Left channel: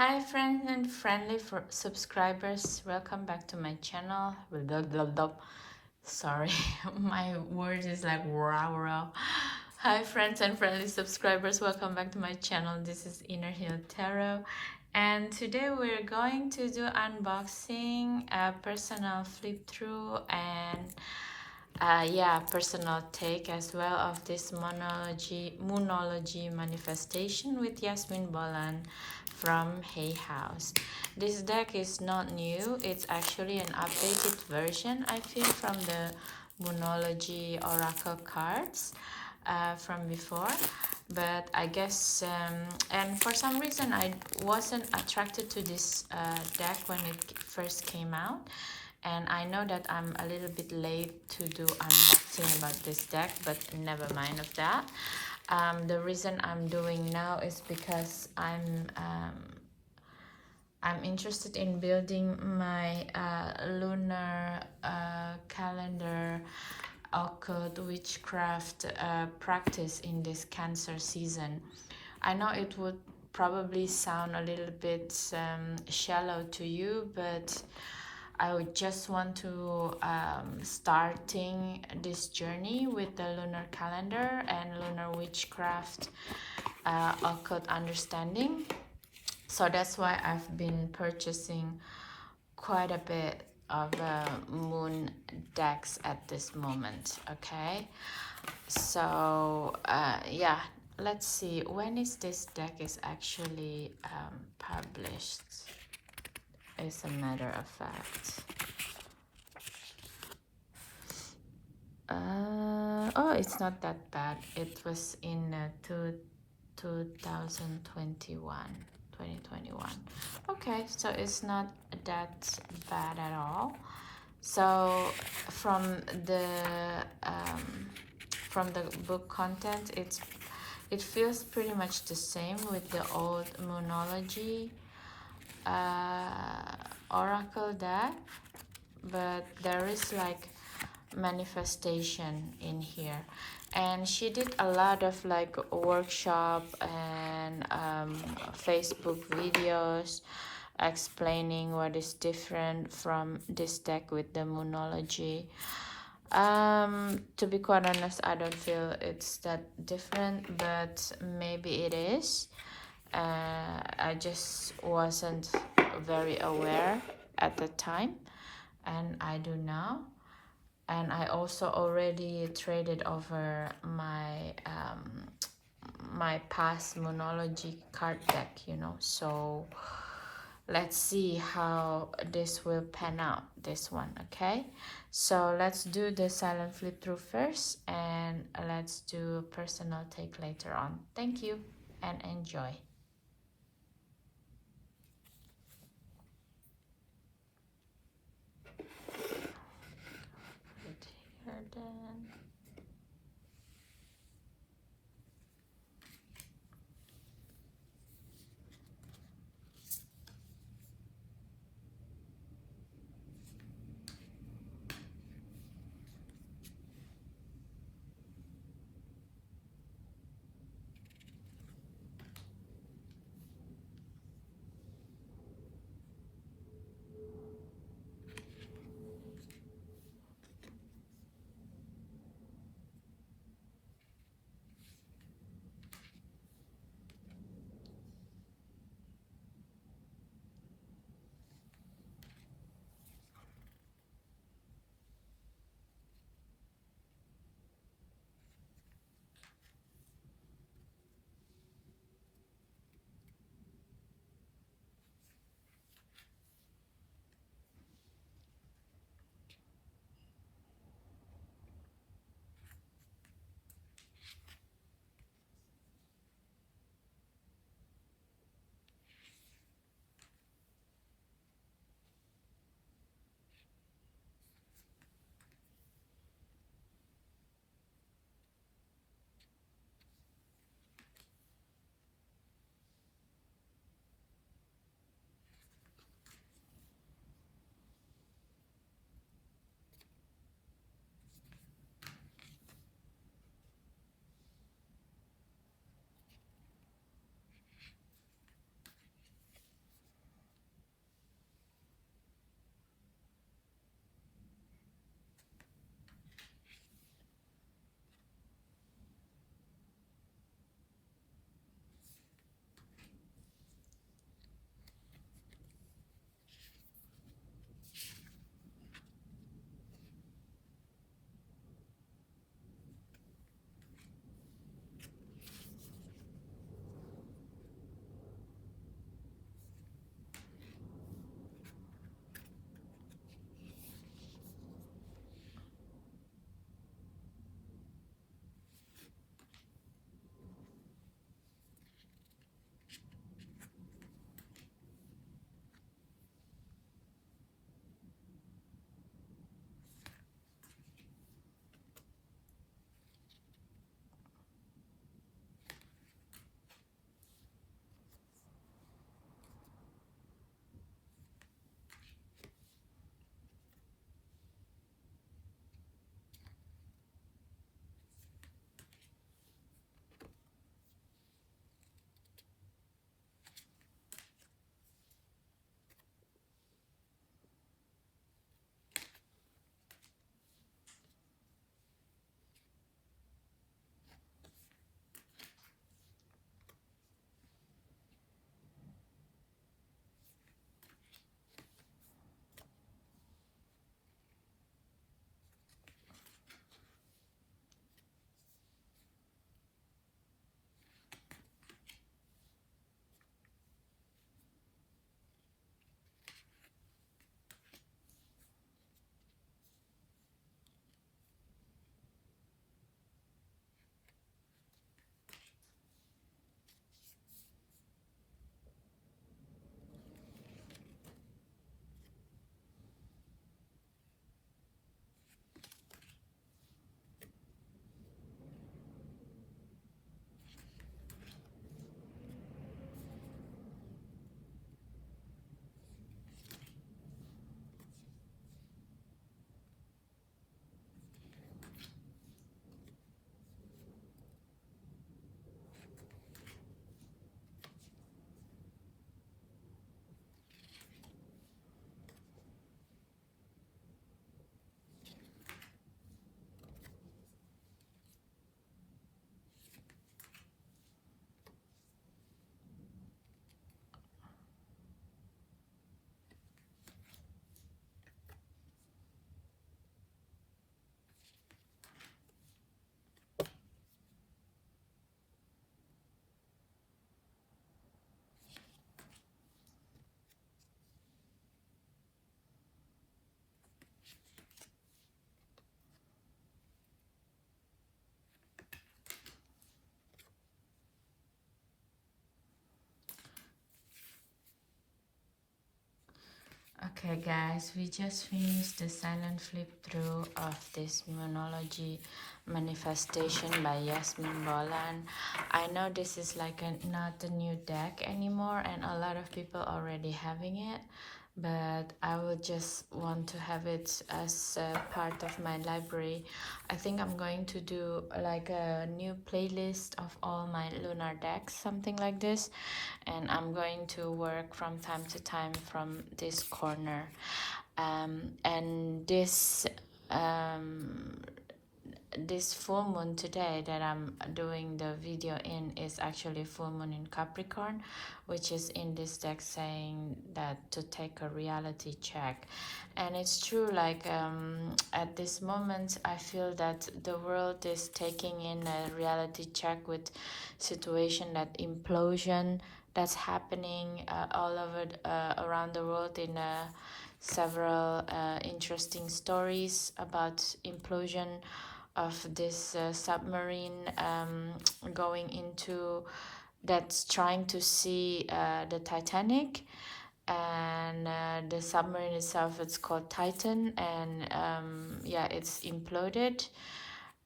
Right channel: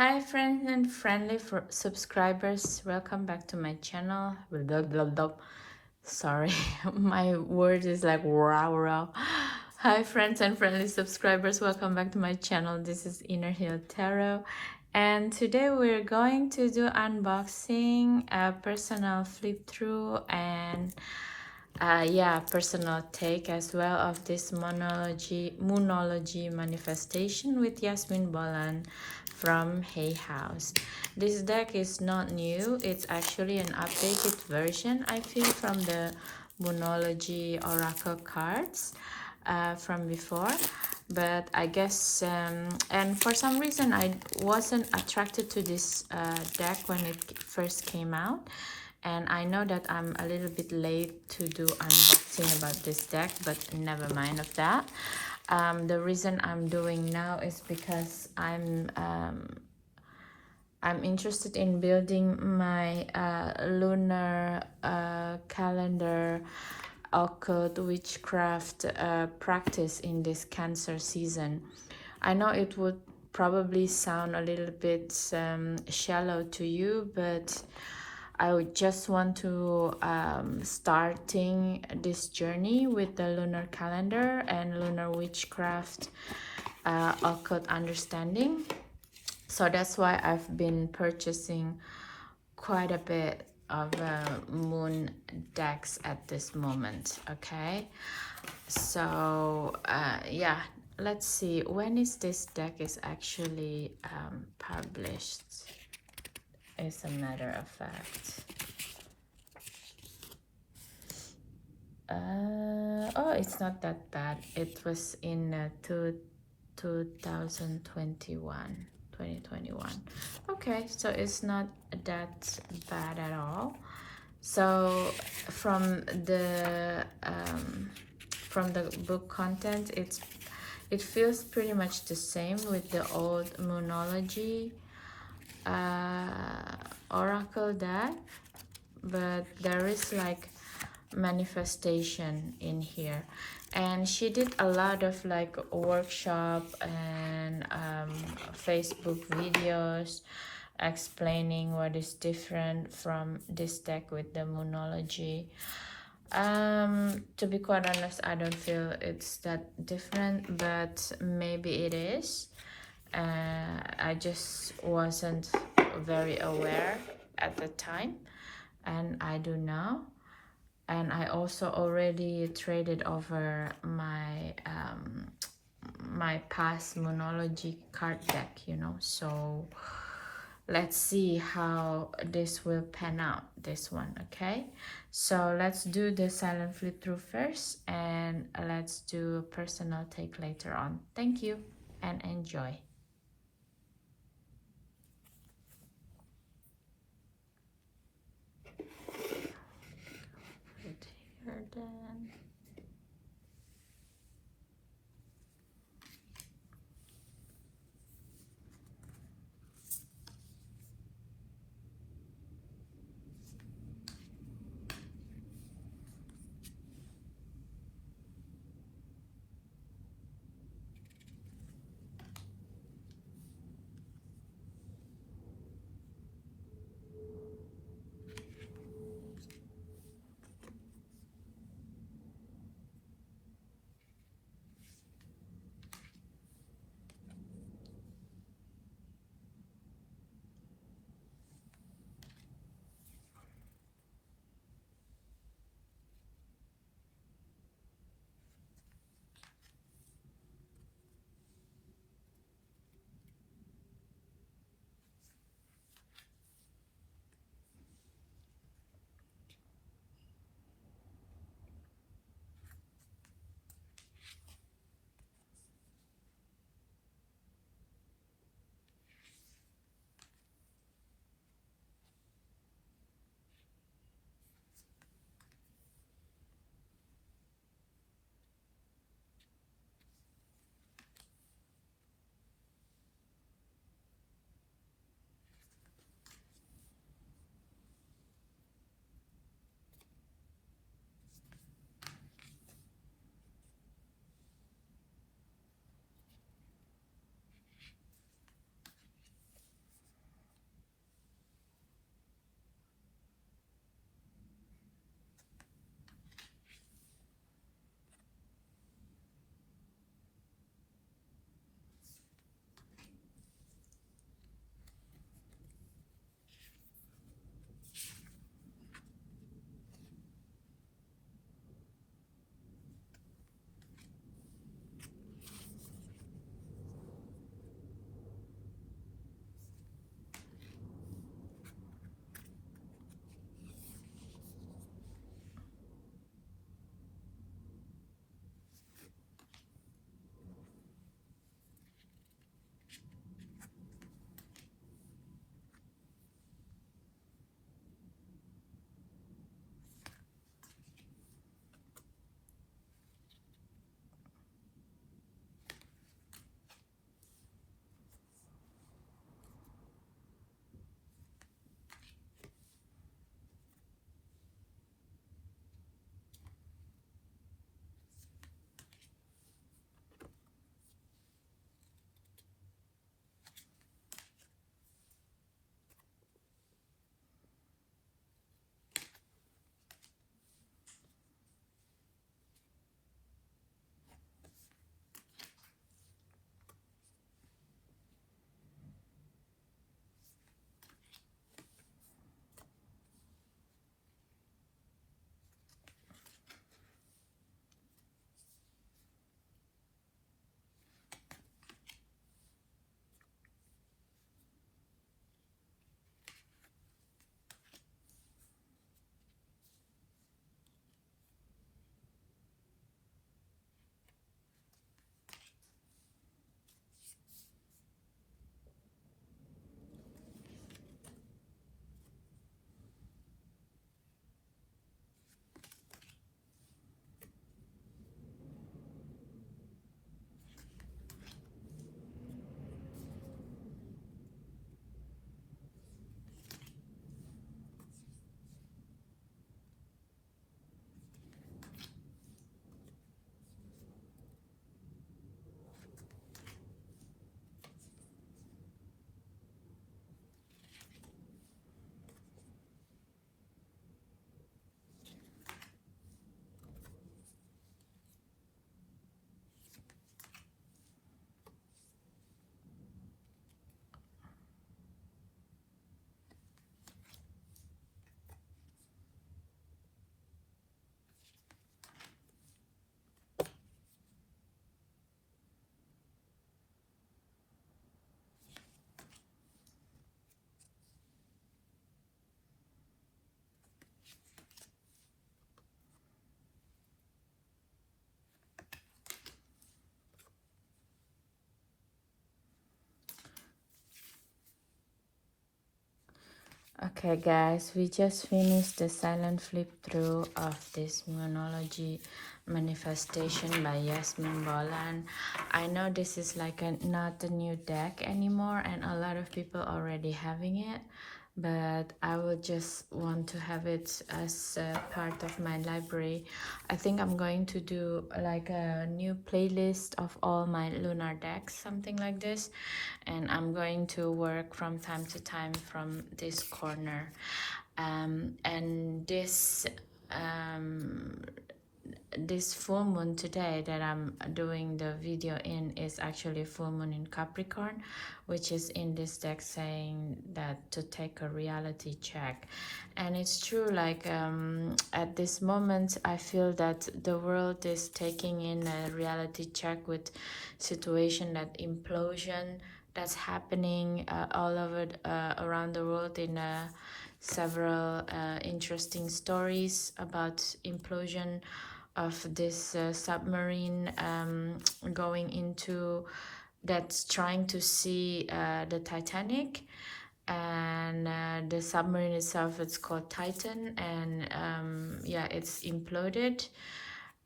Hi friends and friendly subscribers, welcome back to my channel. Blah, blah, blah. Sorry, my word is like wow wow. Hi friends and friendly subscribers, welcome back to my channel. This is Inner Hill Tarot, and today we're going to do unboxing, a personal flip through, and personal take as well of this Moonology manifestation with Yasmin Bolan from Hay House. This deck is not new, it's actually an updated version, I feel, from the Moonology Oracle cards from before. But I guess, and for some reason, I wasn't attracted to this deck when it first came out. And I know that I'm a little bit late to do unboxing about this deck, but never mind of that. The reason I'm doing now is because I'm interested in building my lunar calendar occult witchcraft practice in this Cancer season. I know it would probably sound a little bit shallow to you, but I would just want to starting this journey with the lunar calendar and lunar witchcraft occult understanding. So that's why I've been purchasing quite a bit of moon decks at this moment. Okay, so yeah, let's see when is this deck is actually published. As a matter of fact, oh, it's not that bad. It was in 2021. Okay, so it's not that bad at all. So from the book content, it feels pretty much the same with the old Moonology oracle deck, but there is like manifestation in here. And she did a lot of like workshop and Facebook videos explaining what is different from this deck with the Moonology. To be quite honest, I don't feel it's that different, but maybe it is. I just wasn't very aware at the time, and I do now. And I also already traded over my my past Moonology card deck, so let's see how this will pan out, this one. Okay, so let's do the silent flip through first, and let's do a personal take later on. Thank you and enjoy. Put here then. Okay, guys, we just finished the silent flip through of this Moonology manifestation by Yasmin Bolan. I know this is like not a new deck anymore, and a lot of people already having it, but I would just want to have it as a part of my library. I think I'm going to do like a new playlist of all my lunar decks, something like this, and I'm going to work from time to time from this corner. And um, this full moon today that I'm doing the video in is actually full moon in Capricorn, which is in this deck saying that to take a reality check. And it's true, like at this moment I feel that the world is taking in a reality check with situation, that implosion that's happening all over around the world in several interesting stories about implosion of this submarine going into, that's trying to see the Titanic, and the submarine itself, it's called Titan, and yeah, it's imploded.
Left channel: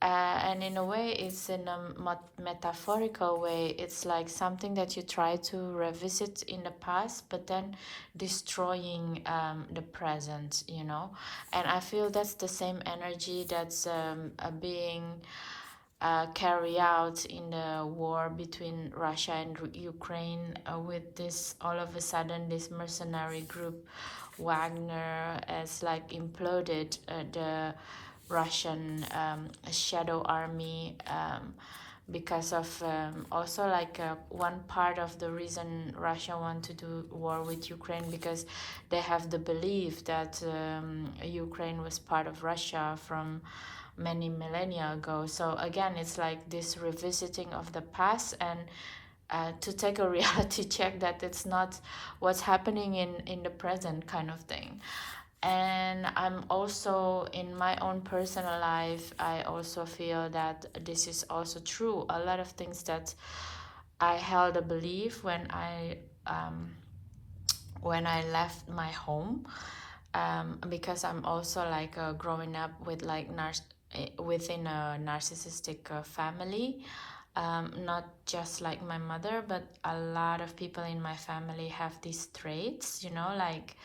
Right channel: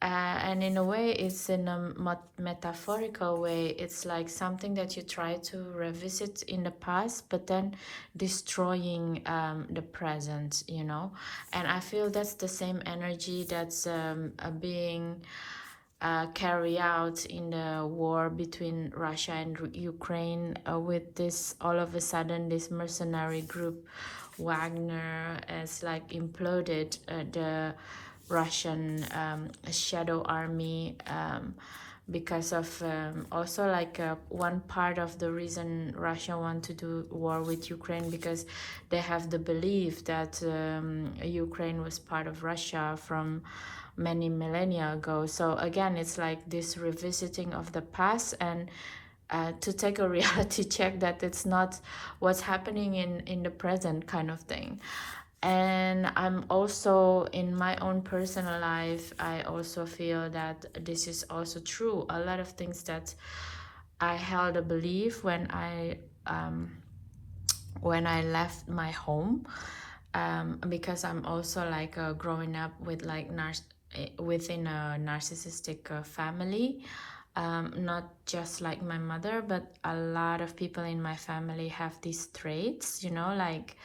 And in a way, it's in a metaphorical way. It's like something that you try to revisit in the past, but then destroying the present, you know. And I feel that's the same energy that's being carried out in the war between Russia and Ukraine, with this all of a sudden this mercenary group Wagner has like imploded the Russian shadow army, because of also like one part of the reason Russia want to do war with Ukraine, because they have the belief that Ukraine was part of Russia from many millennia ago. So again, it's like this revisiting of the past, and to take a reality check that it's not what's happening in the present, kind of thing. And I'm also in my own personal life, I also feel that this is also true. A lot of things that I held a belief when I left my home, because I'm also like growing up with like within a narcissistic family, not just like my mother, but a lot of people in my family have these traits, you know, like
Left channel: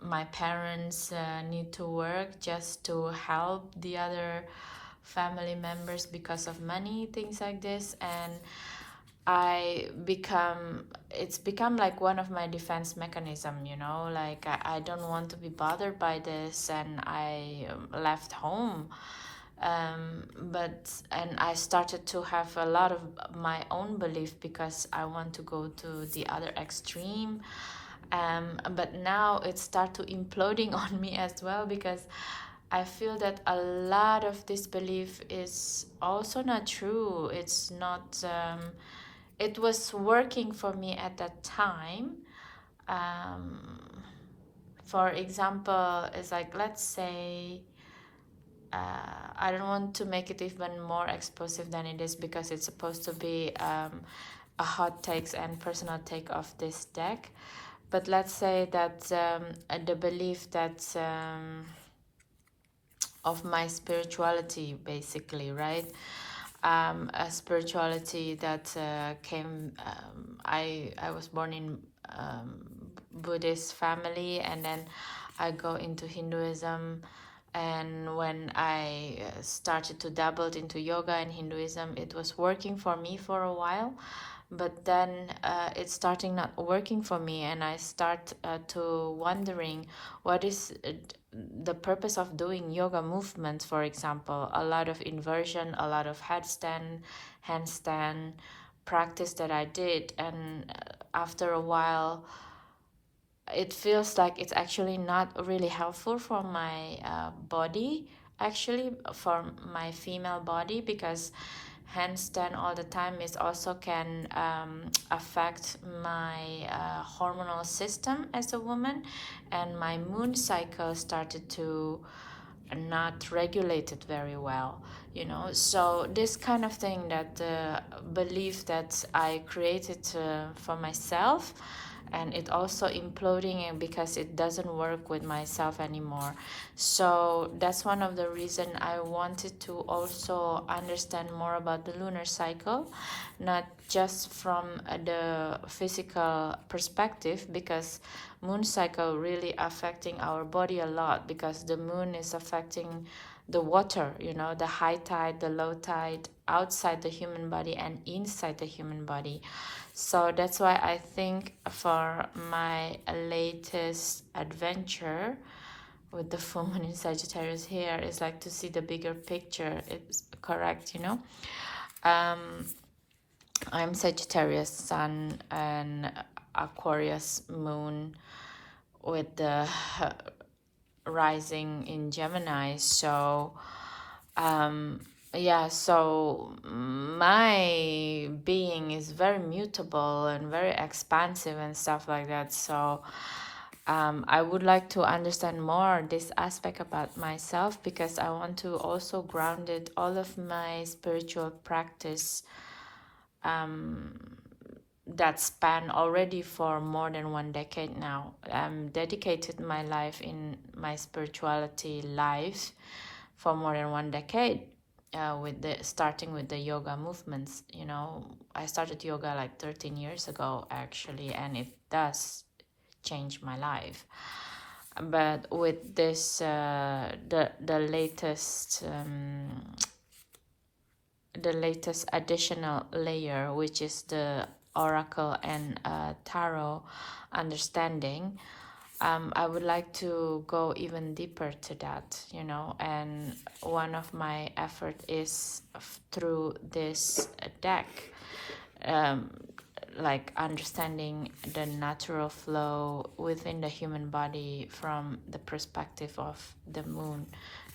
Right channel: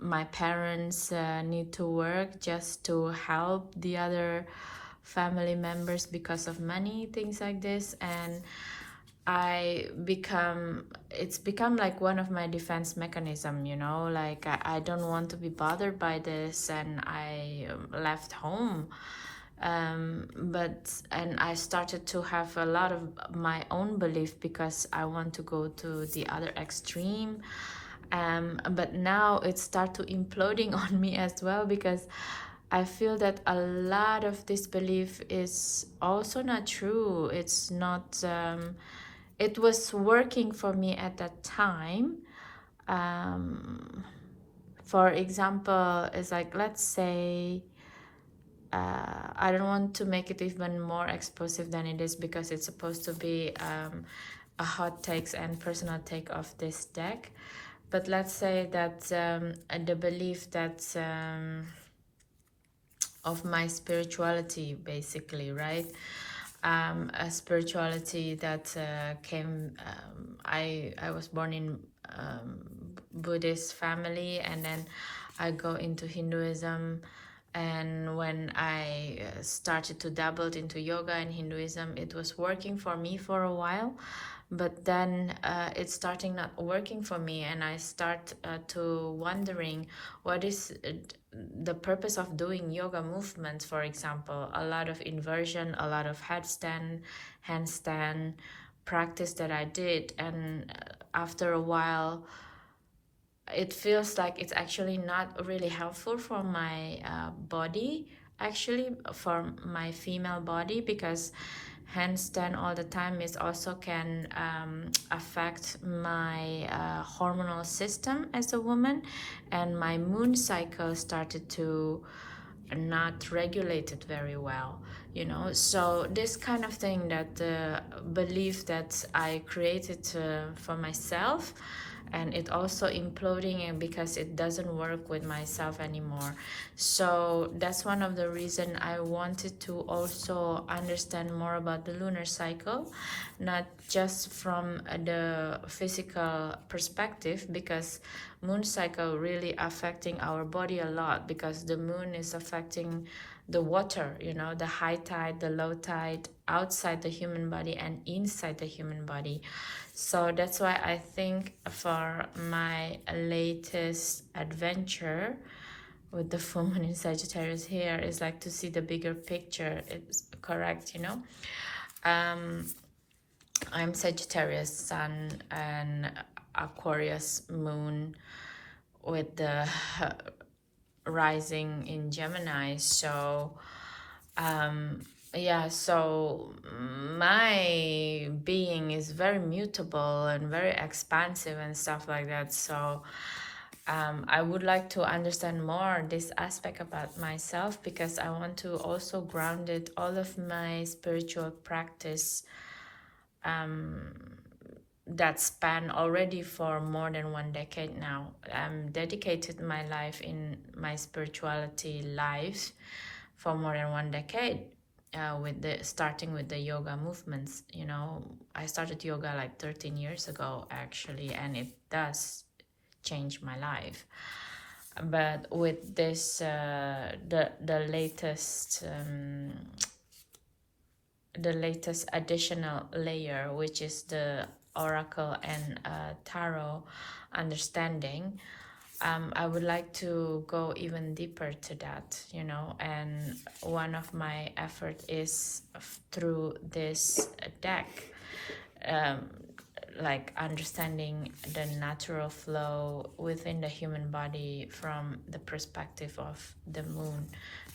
my parents need to work just to help the other family members because of money, things like this. And it's become like one of my defense mechanism, you know, like I don't want to be bothered by this, and I left home. But and I started to have a lot of my own belief because I want to go to the other extreme. But now it started to imploding on me as well, because I feel that a lot of this belief is also not true. It's not it was working for me at that time. um, for example, it's like, let's say, I don't want to make it even more explosive than it is, because it's supposed to be a hot takes and personal take of this deck. But let's say that the belief that of my spirituality, basically, right? A spirituality that came. I was born in Buddhist family, and then I go into Hinduism. And when I started to dabble into yoga and Hinduism, it was working for me for a while, but then it's starting not working for me, and I start to wondering what is the purpose of doing yoga movements. For example, a lot of inversion, a lot of headstand, handstand practice that I did, and after a while it feels like it's actually not really helpful for my body, actually for my female body, because handstand all the time is also can affect my hormonal system as a woman, and my moon cycle started to not regulate it very well, you know. So this kind of thing, that belief that I created for myself, and it also imploding because it doesn't work with myself anymore. So that's one of the reason I wanted to also understand more about the lunar cycle, not just from the physical perspective, because moon cycle really affecting our body a lot, because the moon is affecting the water, you know, the high tide, the low tide, outside the human body and inside the human body. So that's why I think for my latest adventure with the full moon in Sagittarius here is like to see the bigger picture. It's correct, you know. I'm Sagittarius sun and Aquarius moon with the rising in Gemini. So yeah, so my being is very mutable and very expansive and stuff like that. So I would like to understand more this aspect about myself, because I want to also ground it all of my spiritual practice that span already for more than 1 decade now. I'm dedicated my life in my spirituality life for more than 1 decade, with the starting with the yoga movements. You know, I started yoga like 13 years ago actually, and it does change my life. But with this the latest additional layer, which is the oracle and tarot understanding, I would like to go even deeper to that, you know, and one of my effort is through this deck, um, like understanding the natural flow within the human body from the perspective of the moon,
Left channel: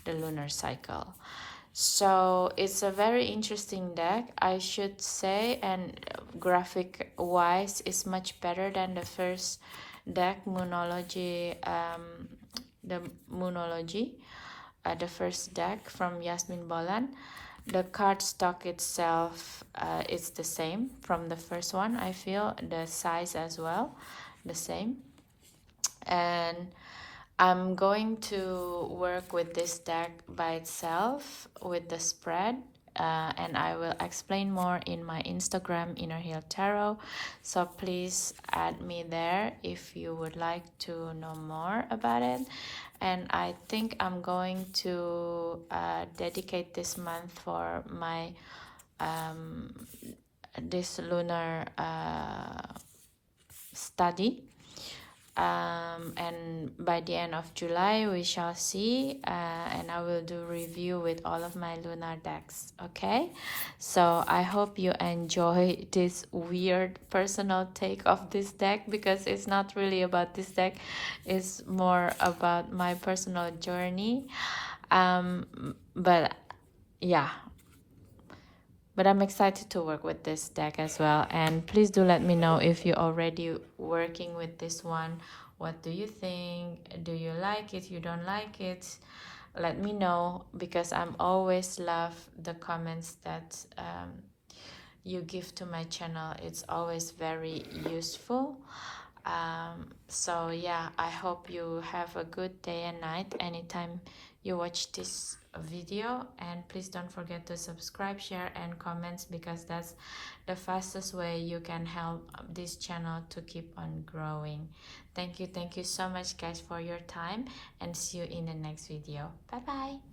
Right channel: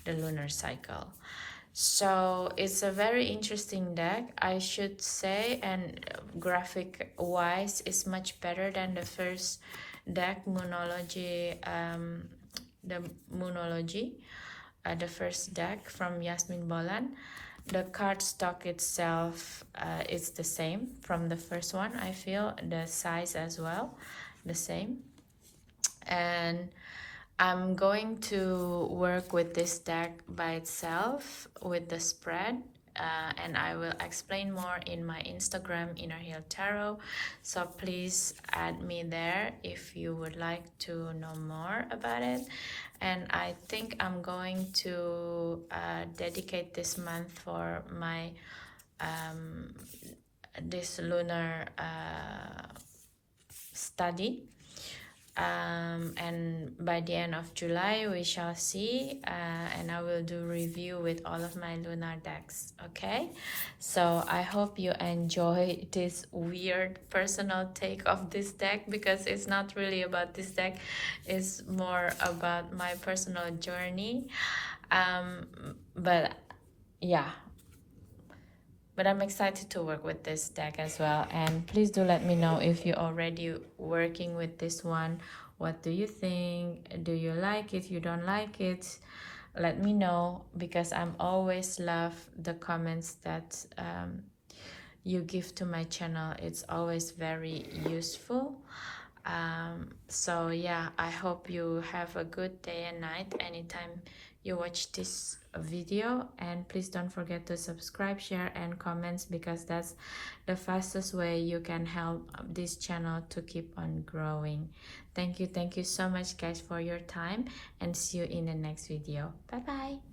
the lunar cycle. So it's a very interesting deck, I should say, and graphic wise is much better than the first deck, Moonology, the Moonology, the first deck from Yasmin Bolan. The card stock itself is the same from the first one, I feel, the size as well, the same. And I'm going to work with this deck by itself with the spread, and I will explain more in my Instagram, Inner Heal Tarot. So please add me there if you would like to know more about it. And I think I'm going to dedicate this month for my this lunar study, and by the end of July we shall see, and I will do review with all of my lunar decks. Okay, so I hope you enjoy this weird personal take of this deck, because it's not really about this deck, it's more about my personal journey, but yeah, but I'm excited to work with this deck as well. And please do let me know if you're already working with this one. What do you think? Do you like it? You don't like it? Let me know, because I'm always love the comments that you give to my channel. It's always very useful. So yeah, I hope you have a good day and night anytime you watch this video, and please don't forget to subscribe, share and comments, because that's the fastest way you can help this channel to keep on growing. Thank you so much guys for your time, and see you in the next video. Bye bye.